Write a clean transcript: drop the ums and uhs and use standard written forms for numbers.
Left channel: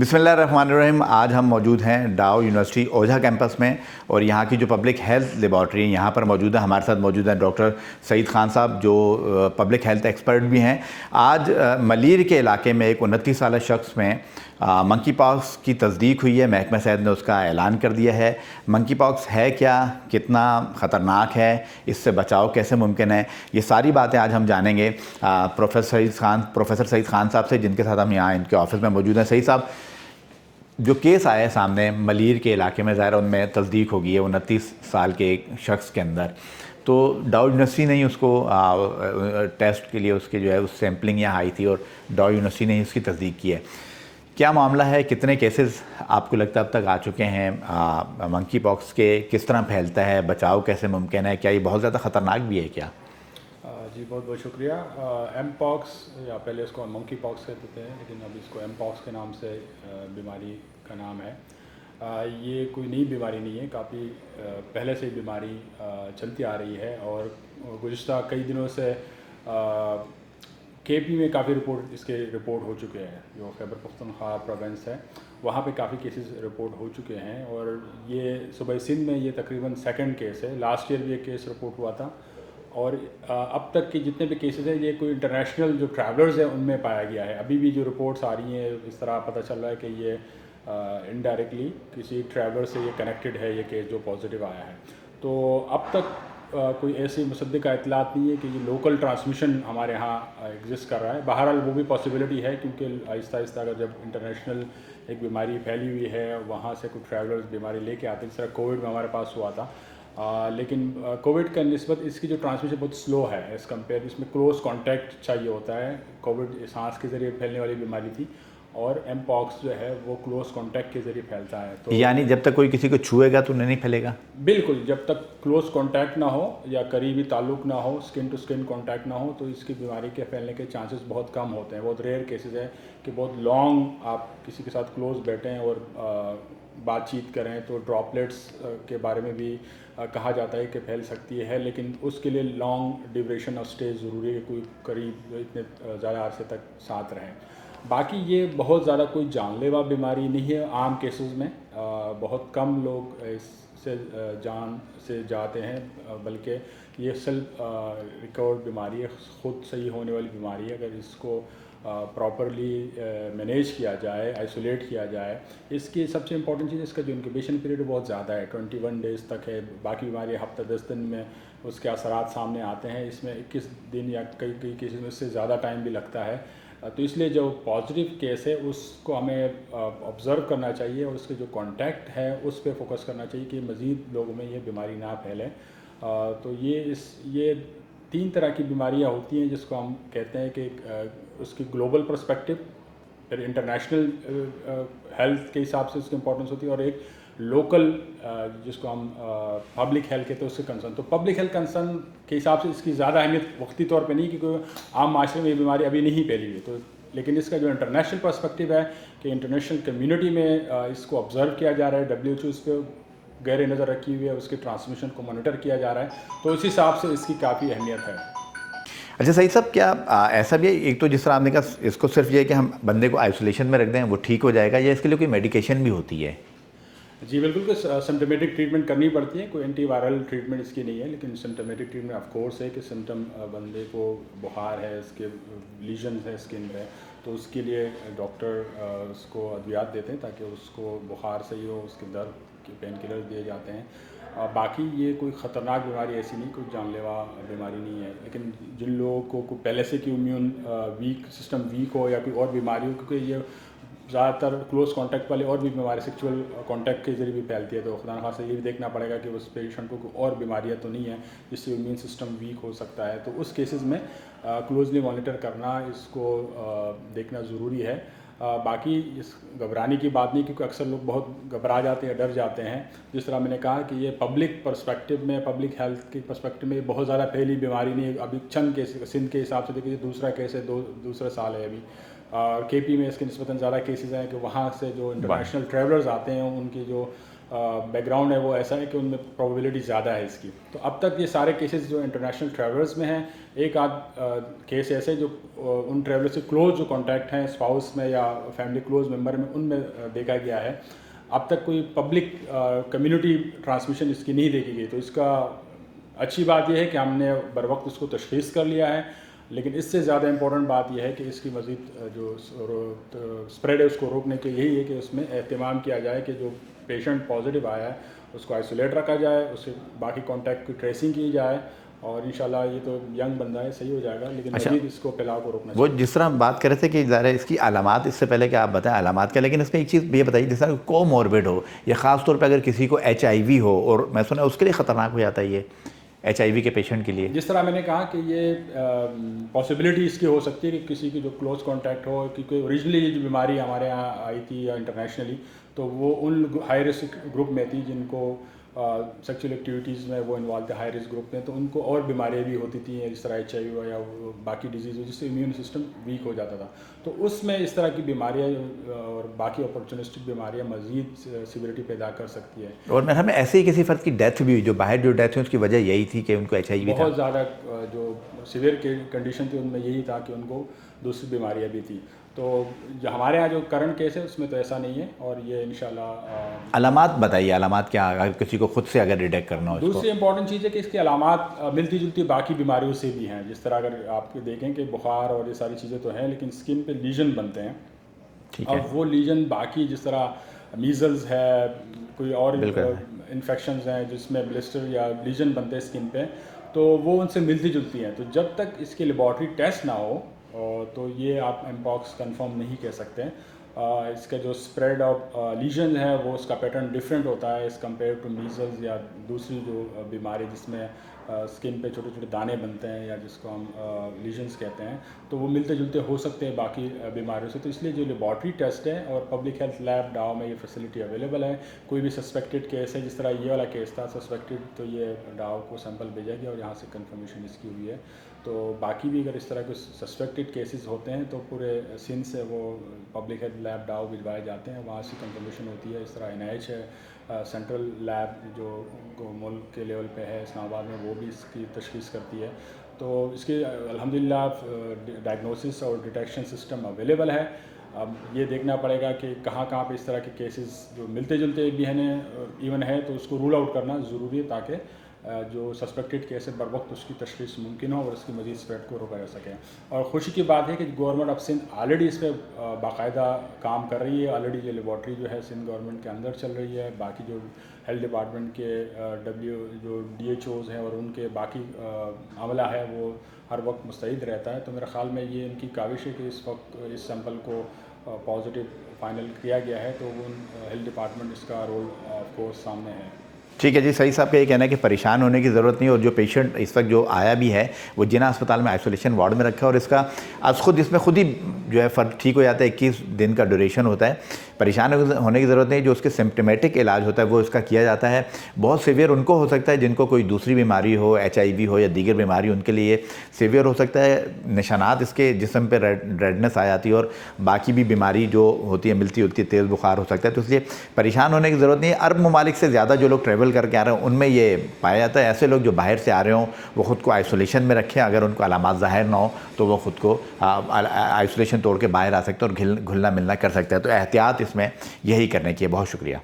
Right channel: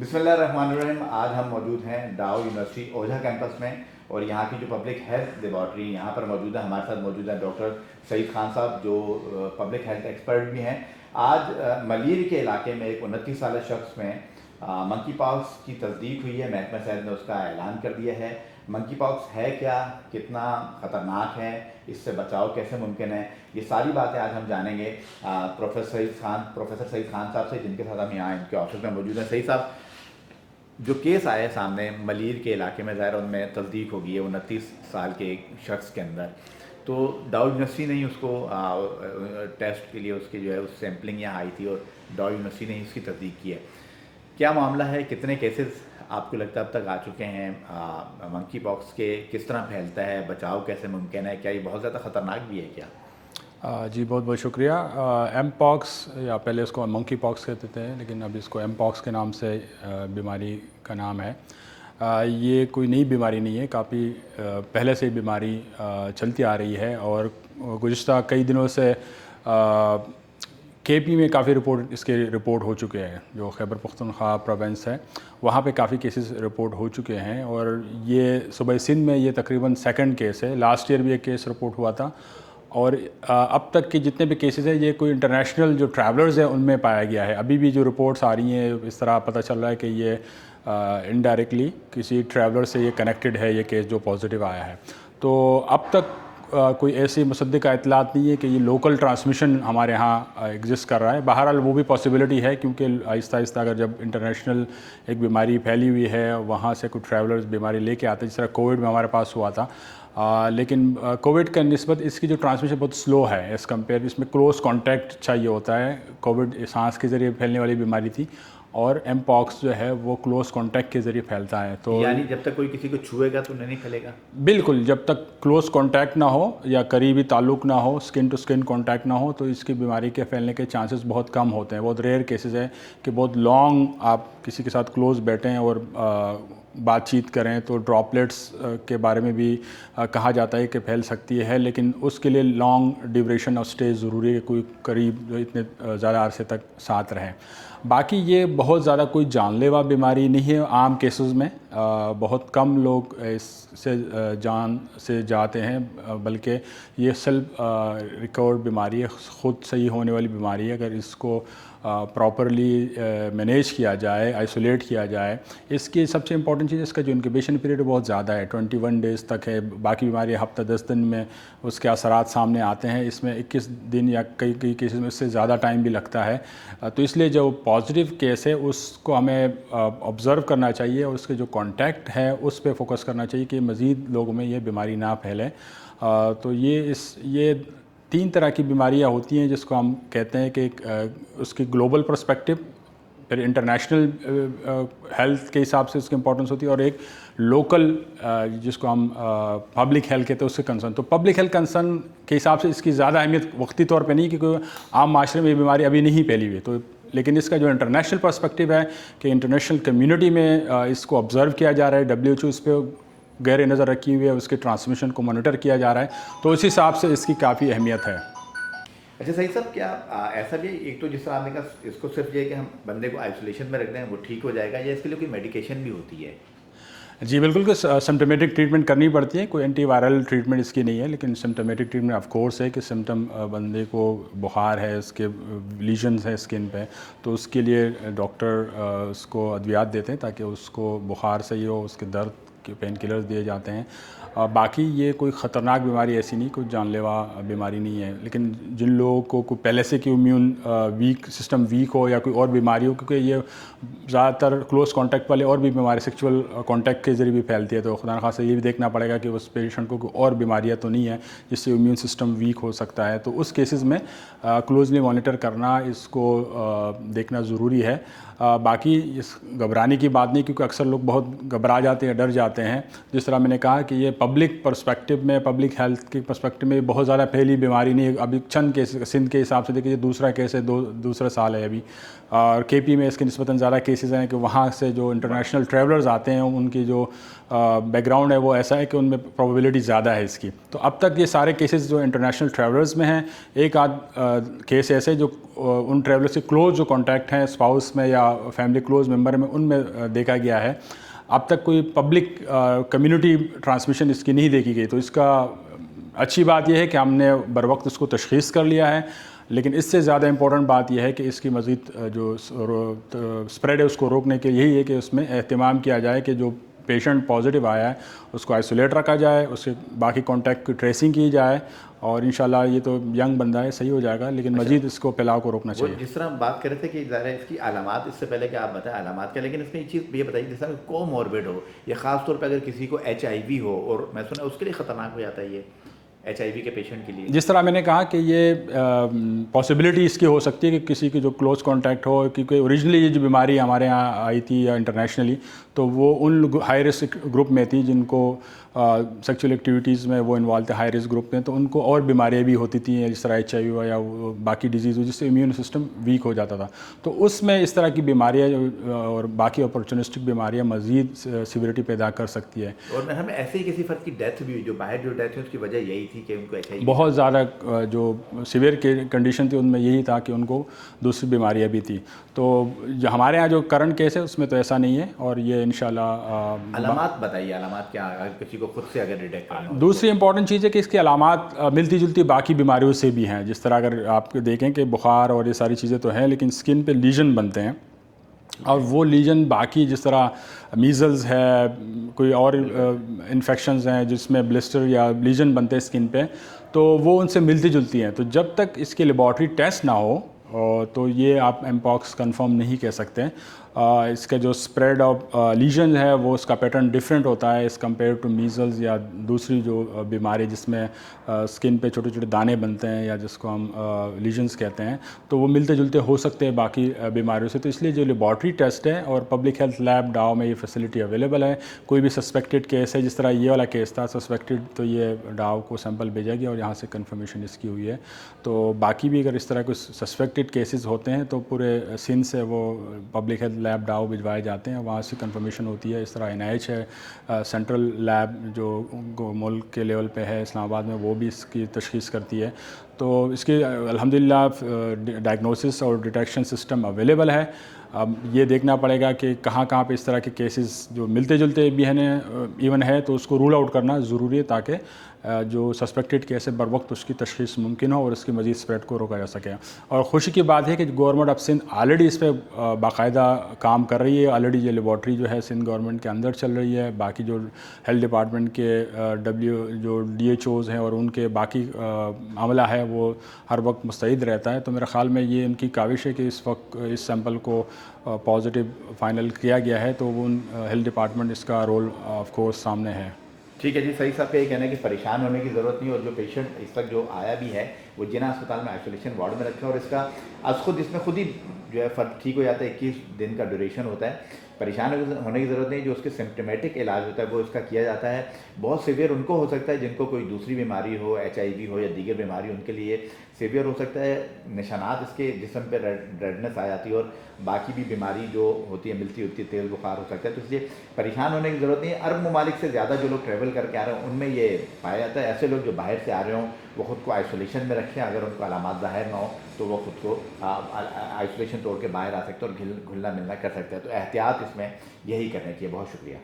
بسم اللہ الرحمن الرحیم. آج ہم موجود ہیں ڈاؤ یونیورسٹی اوجھا کیمپس میں اور یہاں کی جو پبلک ہیلتھ لیبارٹری ہے یہاں پر موجود ہے. ہمارے ساتھ موجود ہیں ڈاکٹر سعید خان صاحب جو پبلک ہیلتھ ایکسپرٹ بھی ہیں. آج ملیر کے علاقے میں ایک 29 سالہ شخص میں منکی پاکس کی تصدیق ہوئی ہے. محکمہ صحت نے اس کا اعلان کر دیا ہے. منکی پاکس ہے کیا، کتنا خطرناک ہے، اس سے بچاؤ کیسے ممکن ہے، یہ ساری باتیں آج ہم جانیں گے پروفیسر سعید خان صاحب سے، جن کے ساتھ ہم یہاں ان کے آفس میں موجود ہیں. سعید صاحب، جو کیس آئے سامنے ملیر کے علاقے میں، ظاہر ان میں تصدیق ہوگی ہے 29 سال کے ایک شخص کے اندر، تو ڈاؤ یونیورسٹی نے ہی اس کو ٹیسٹ کے لیے اس کے جو ہے اس سیمپلنگ یہاں آئی تھی اور ڈاؤ یونیورسٹی نے ہی اس کی تصدیق کی ہے. کیا معاملہ ہے، کتنے کیسز آپ کو لگتا ہے اب تک آ چکے ہیں منکی پاکس کے، کس طرح پھیلتا ہے، بچاؤ کیسے ممکن ہے، کیا یہ بہت زیادہ خطرناک بھی ہے کیا؟ جی بہت بہت شکریہ. ایم پاکس یا پہلے اس کو منکی پاکس کہتے تھے لیکن اب اس کو ایم پاکس کے نام سے بیماری کا نام ہے. یہ کوئی نئی بیماری نہیں ہے، کافی پہلے سے بیماری چلتی آ رہی ہے اور گزشتہ کئی دنوں سے کے پی میں کافی اس کے رپورٹ ہو چکے ہیں. جو خیبر پختونخوا پروونس ہے وہاں پہ کافی کیسز رپورٹ ہو چکے ہیں اور یہ صوبہ سندھ میں یہ تقریباً سیکنڈ کیس ہے. لاسٹ ایئر بھی ایک کیس رپورٹ ہوا تھا اور اب تک کے جتنے بھی کیسز ہیں یہ کوئی انٹرنیشنل جو ٹریولرز ہیں ان میں پایا گیا ہے. ابھی بھی جو رپورٹس آ رہی ہیں اس طرح پتہ چل رہا ہے کہ یہ انڈائریکٹلی کسی ٹریولر سے یہ کنیکٹڈ ہے یہ کیس جو پازیٹیو آیا ہے. تو اب تک کوئی ایسی مصدقہ اطلاعات نہیں ہے کہ یہ لوکل ٹرانسمیشن ہمارے ہاں ایگزسٹ کر رہا ہے. بہرحال وہ بھی پاسبلٹی ہے کیونکہ آہستہ آہستہ اگر جب انٹرنیشنل ایک بیماری پھیلی ہوئی ہے وہاں سے کوئی ٹریولرز بیماری لے کے آتے ہیں، جس طرح کووڈ میں ہمارے پاس ہوا تھا. لیکن کووڈ کا نسبت اس کی جو ٹرانسمیشن بہت سلو ہے ایز کمپیئر. اس میں کلوز کانٹیکٹ چاہیے ہوتا ہے. کووڈ سانس کے ذریعے پھیلنے والی بیماری تھی اور ایم پاکس جو ہے وہ کلوز کانٹیکٹ کے ذریعے پھیلتا ہے. تو یعنی جب تک کوئی کسی کو چھوئے گا تو نہیں پھیلے گا؟ بالکل، جب تک کلوز کانٹیکٹ نہ ہو یا قریبی تعلق نہ ہو، اسکن ٹو اسکن کانٹیکٹ نہ ہو، تو اس کی بیماری کے پھیلنے کے چانسز بہت کم ہوتے ہیں. بہت ریئر کیسز ہے کہ بہت لانگ آپ کسی کے ساتھ کلوز بیٹھیں اور بات چیت کریں تو ڈراپلیٹس کے بارے میں بھی کہا جاتا ہے کہ پھیل سکتی ہے، لیکن اس کے لیے لانگ ڈیوریشن آف اسٹے ضروری ہے، کوئی قریب جو اتنے زیادہ عرصے تک ساتھ رہیں. باقی یہ بہت زیادہ کوئی جان لیوا بیماری نہیں ہے. عام کیسز میں بہت کم لوگ اس سے جان سے جاتے ہیں، بلکہ یہ سیلف ریکورڈ بیماری ہے، خود صحیح ہونے والی بیماری ہے. اگر اس کو پراپرلی مینیج کیا جائے، آئسولیٹ کیا جائے. اس کی سب سے امپورٹنٹ چیز اس کا جو انکیوبیشن پیریڈ بہت زیادہ ہے، 21 ڈیز تک ہے. باقی بیماری ہفتہ 10 دن میں اس کے اثرات سامنے آتے ہیں، اس میں 21 دن یا کئی کیسز میں اس سے زیادہ ٹائم بھی لگتا ہے. تو اس لیے جو پازیٹیو کیس ہے اس کو ہمیں آبزرو کرنا چاہیے اور اس کے جو کانٹیکٹ ہے اس پہ فوکس کرنا چاہیے کہ مزید لوگوں میں یہ بیماری نہ پھیلے. تو یہ 3 طرح کی بیماریاں ہوتی ہیں جس کو ہم کہتے ہیں کہ اس کی گلوبل پرسپیکٹو، پھر انٹرنیشنل ہیلتھ کے حساب سے اس کی امپورٹنس ہوتی ہے، اور ایک لوکل جس کو ہم پبلک ہیلتھ کہتے ہیں اس سے کنسرن. تو پبلک ہیلتھ کنسرن کے حساب سے اس کی زیادہ اہمیت وقتی طور پہ نہیں، کیونکہ عام معاشرے میں یہ بیماری ابھی نہیں پھیلی ہوئی. تو لیکن اس کا جو انٹرنیشنل پرسپیکٹو ہے کہ انٹرنیشنل کمیونٹی میں اس کو آبزرو کیا جا رہا ہے، WHO اس پہ گہرے نظر رکھی ہوئی ہے، اس کے ٹرانسمیشن کو مانیٹر کیا جا رہا ہے. تو اس حساب سے اس کی کافی اہمیت ہے. اچھا سعید صاحب، کیا ایسا بھی ہے، ایک تو جس طرح آپ نے کہا اس کو صرف یہ کہ ہم بندے کو آئسولیشن میں رکھ دیں وہ ٹھیک ہو جائے گا، یا اس کے لیے کوئی میڈیکیشن بھی ہوتی ہے؟ جی بالکل، کہ سمٹمیٹک ٹریٹمنٹ کرنی پڑتی ہے. کوئی اینٹی وائرل ٹریٹمنٹ اس کی نہیں ہے، لیکن سمٹمیٹک ٹریٹمنٹ آف کورس ہے کہ سمٹم بندے کو بخار ہے، اس کے لیژنز ہے اسکن پہ، تو اس کے لیے ڈاکٹر اس کو ادویات دیتے ہیں تاکہ اس کو بخار صحیح ہو، اس کے درد کے پین کلرز دیے جاتے ہیں. باقی یہ کوئی خطرناک بیماری ایسی نہیں، کوئی جان لیوا بیماری نہیں ہے. لیکن جن لوگوں کو کوئی پہلے سے کہ امیون سسٹم ویک ہو یا کوئی اور بیماری ہو، کیونکہ یہ زیادہ تر کلوز کانٹیکٹ والے اور بھی بیماری سیکچول کانٹیکٹ کے ذریعے بھی پھیلتی ہے، تو خدا نخواستہ یہ بھی دیکھنا پڑے گا کہ اس پیشنٹ کو کوئی اور بیماریاں تو نہیں ہے جس سے امیون سسٹم ویک ہو سکتا ہے. تو اس کیسز میں کلوزلی مانیٹر کرنا، اس کو دیکھنا ضروری ہے. باقی اس گھبرانے کی بات نہیں، کیونکہ اکثر لوگ بہت گھبرا جاتے ہیں، ڈر جاتے ہیں. جس طرح میں نے کہا کہ یہ پبلک پرسپیکٹو میں، پبلک ہیلتھ کی پرسپیکٹو میں بہت زیادہ پھیلی بیماری نہیں ہے. ابھی چند کیس سندھ کے حساب سے دیکھیے، دوسرا کیس ہے، دوسرا سال ہے ابھی. اور کے پی میں اس کے نسبتاً زیادہ کیسز ہیں کہ وہاں سے جو انٹرنیشنل ٹریولرز آتے ہیں ان کی جو بیک گراؤنڈ ہے وہ ایسا ہے کہ ان میں پروبیبلٹی زیادہ ہے اس کی. تو اب تک یہ سارے کیسز جو انٹرنیشنل ٹریولرز میں ہیں. ایک آدھ کیس ایسے جو ان ٹریولرس کے کلوز جو کانٹیکٹ ہیں اسپاؤس میں یا فیملی کلوز ممبر میں، ان میں دیکھا گیا ہے. اب تک کوئی پبلک کمیونٹی ٹرانسمیشن اس کی نہیں دیکھی گئی. تو اس کا اچھی بات یہ ہے کہ ہم نے بر وقت اس کو تشخیص کر لیا ہے. لیکن اس سے زیادہ امپورٹنٹ بات یہ ہے کہ اس کی مزید جو اسپریڈ ہے اس کو روکنے کے یہی ہے کہ اس میں اہتمام کیا جائے کہ جو پیشنٹ پازیٹیو آیا ہے اس کو آئسولیٹ رکھا جائے، اس سے باقی کانٹیکٹ کی ٹریسنگ کی جائے، اور انشاءاللہ یہ تو ینگ بندہ ہے صحیح ہو جائے گا، لیکن مزید اس کو پھیلاؤ کو روکنا چاہیے. وہ جس طرح بات کر رہے تھے کہ ظاہر ہے اس کی علامات، اس سے پہلے کہ آپ بتائیں علامات کیا، لیکن اس میں ایک چیز یہ بتائیے، جس طرح کو موربڈ ہو یا خاص طور پہ اگر کسی کو HIV ہو، اور میں سنا اس کے لیے خطرناک ہو جاتا ہے یہ HIV کے پیشنٹ کے لیے. جس طرح میں نے کہا کہ یہ پاسبلٹی اس کی ہو سکتی ہے کہ کسی کی جو کلوز کانٹیکٹ ہو، کیونکہ اوریجنلی یہ جو بیماری ہمارے یہاں آئی تھی یا انٹرنیشنلی، تو وہ ان ہائی رسک گروپ میں تھی جن کو سیکچوئل ایکٹیویٹیز میں وہ انوالو تھے، ہائی رسک گروپ میں، تو ان کو اور بیماریاں بھی ہوتی تھیں جس طرح HIV ہوا یا باقی ڈیزیز ہو جس سے امیون سسٹم ویک ہو جاتا تھا. تو اس میں اس طرح کی بیماریاں اور باقی اپرچونسٹک بیماریاں مزید سیوریٹی پیدا کر سکتی ہے. اور میں ہمیں ایسے ہی کسی فرد کی ڈیتھ بھی ہوئی جو باہر جو ڈیتھ ہوئی اس کی وجہ یہی تھی کہ ان کو HIV بہت زیادہ جو سیویئر کنڈیشن تھی ان میں یہی تھا کہ ان کو دوسری بیماریاں بھی تھیں. تو جو ہمارے ہاں جو کرنٹ کیس ہے اس میں تو ایسا نہیں ہے، اور یہ انشاءاللہ. علامات بتائیے، علامات کیا اگر کسی کو خود سے اگر ڈیٹیکٹ کرنا ہو؟ دوسری امپورٹنٹ چیز ہے کہ اس کی علامات ملتی جلتی باقی بیماریوں سے بھی ہیں. جس طرح اگر آپ دیکھیں کہ بخار اور یہ ساری چیزیں تو ہیں، لیکن اسکن پہ لیجن بنتے ہیں، اور وہ لیجن باقی جس طرح میزلز ہے، کوئی اور انفیکشنز ہیں جس میں بلسٹر یا لیجن بنتے ہیں اسکن پہ، تو وہ ان سے ملتی جلتی ہیں. تو جب تک اس کے لیبارٹری ٹیسٹ نہ ہو تو یہ آپ ایمپاکس کنفرم نہیں کہہ سکتے. اس کا جو اسپریڈ آف لیجن ہے وہ اس کا پیٹرن ڈفرینٹ ہوتا ہے ایز کمپیئر ٹو میزلز یا دوسری جو بیماری جس میں اسکن پہ چھوٹے چھوٹے دانے بنتے ہیں یا جس کو ہم لیجنز کہتے ہیں. تو وہ ملتے جلتے ہو سکتے ہیں باقی بیماریوں سے. تو اس لیے جو لیبارٹری ٹیسٹ ہے، اور پبلک ہیلتھ لیب ڈاؤ میں یہ فیسلٹی اویلیبل ہے. کوئی بھی سسپیکٹڈ کیس ہے، جس طرح یہ والا کیس تھا سسپیکٹڈ، تو یہ ڈاؤ کو سیمپل بھیجا گیا اور یہاں سے کنفرمیشن اس کی ہوئی ہے. تو باقی بھی اگر اس طرح کوئی سسپیکٹڈ کیسز ہوتے ہیں تو پورے سندھ سے وہ پبلک ہیلتھ لیب ڈاؤ بھجوائے جاتے ہیں، وہاں سے کنفرمیشن ہوتی ہے. اس طرح NIH ہے سینٹرل لیب جو ملک کے لیول پہ ہے اسلام آباد میں، وہ بھی اس کی تشخیص کرتی ہے. تو اس کی الحمدللہ ڈائگنوسس اور ڈیٹیکشن سسٹم اویلیبل ہے. اب یہ دیکھنا پڑے گا کہ کہاں کہاں پہ اس طرح کے کیسز جو ملتے جلتے بھی ہیں ایون ہے، تو اس کو رول آؤٹ کرنا ضروری ہے تاکہ جو سسپیکٹڈ کیس ہے بر وقت اس کی تشخیص ممکن ہو اور اس کی مزید اسپریڈ کو روکا جا سکے. اور خوشی کی بات ہے کہ گورنمنٹ آف سندھ آلریڈی اس پہ باقاعدہ کام کر رہی ہے. آلریڈی یہ لیبارٹری جو ہے سندھ گورنمنٹ کے اندر چل رہی ہے. باقی جو ہیلتھ ڈپارٹمنٹ کے جو DHOs ہیں اور ان کے باقی عملہ ہے وہ ہر وقت مستعد رہتا ہے. تو میرے خیال میں یہ ان کی کاوش ہے کہ اس وقت اس سیمپل کو پازیٹیو فائنل کیا گیا ہے، تو وہ ہیلتھ ڈپارٹمنٹ اس کا رول آف کورس سامنے ہے. ٹھیک ہے جی. سعید صاحب کا یہ کہنا ہے کہ پریشان ہونے کی ضرورت نہیں، اور جو پیشنٹ اس وقت جو آیا بھی ہے وہ جناح اسپتال میں آئسولیشن وارڈ میں رکھا ہے، اور اس کا اس میں خود ہی جو ہے فرد ٹھیک ہو جاتا ہے. 21 دن کا ڈیوریشن ہوتا ہے. پریشان ہونے کی ضرورت نہیں. جو اس کے سمپٹمیٹک علاج ہوتا ہے وہ اس کا کیا جاتا ہے. بہت سیویئر ان کو ہو سکتا ہے جن کو کوئی دوسری بیماری ہو، HIV ہو یا دیگر بیماری، ان کے لیے سیویئر ہو سکتا ہے. نشانات اس کے جسم پہ ریڈنس آ جاتی ہے، اور باقی بھی بیماری جو ہوتی ہے ملتی ہوتی ہے، تیز بخار ہو سکتا ہے. تو اس لیے پریشان ہونے کی ضرورت نہیں ہے. عرب ممالک سے زیادہ جو لوگ ٹریول کر کے آ رہے ہیں ان میں یہ پایا جاتا ہے. ایسے لوگ جو باہر سے آ رہے ہوں وہ خود کو آئسولیشن میں رکھیں. اگر ان کو علامات ظاہر نہ ہو تو وہ خود کو آئسولیشن توڑ کے باہر آ سکتے ہیں اور گھلنا ملنا کر سکتے ہیں. تو احتیاط اس میں یہی کرنے کی ہے. بہت شکریہ.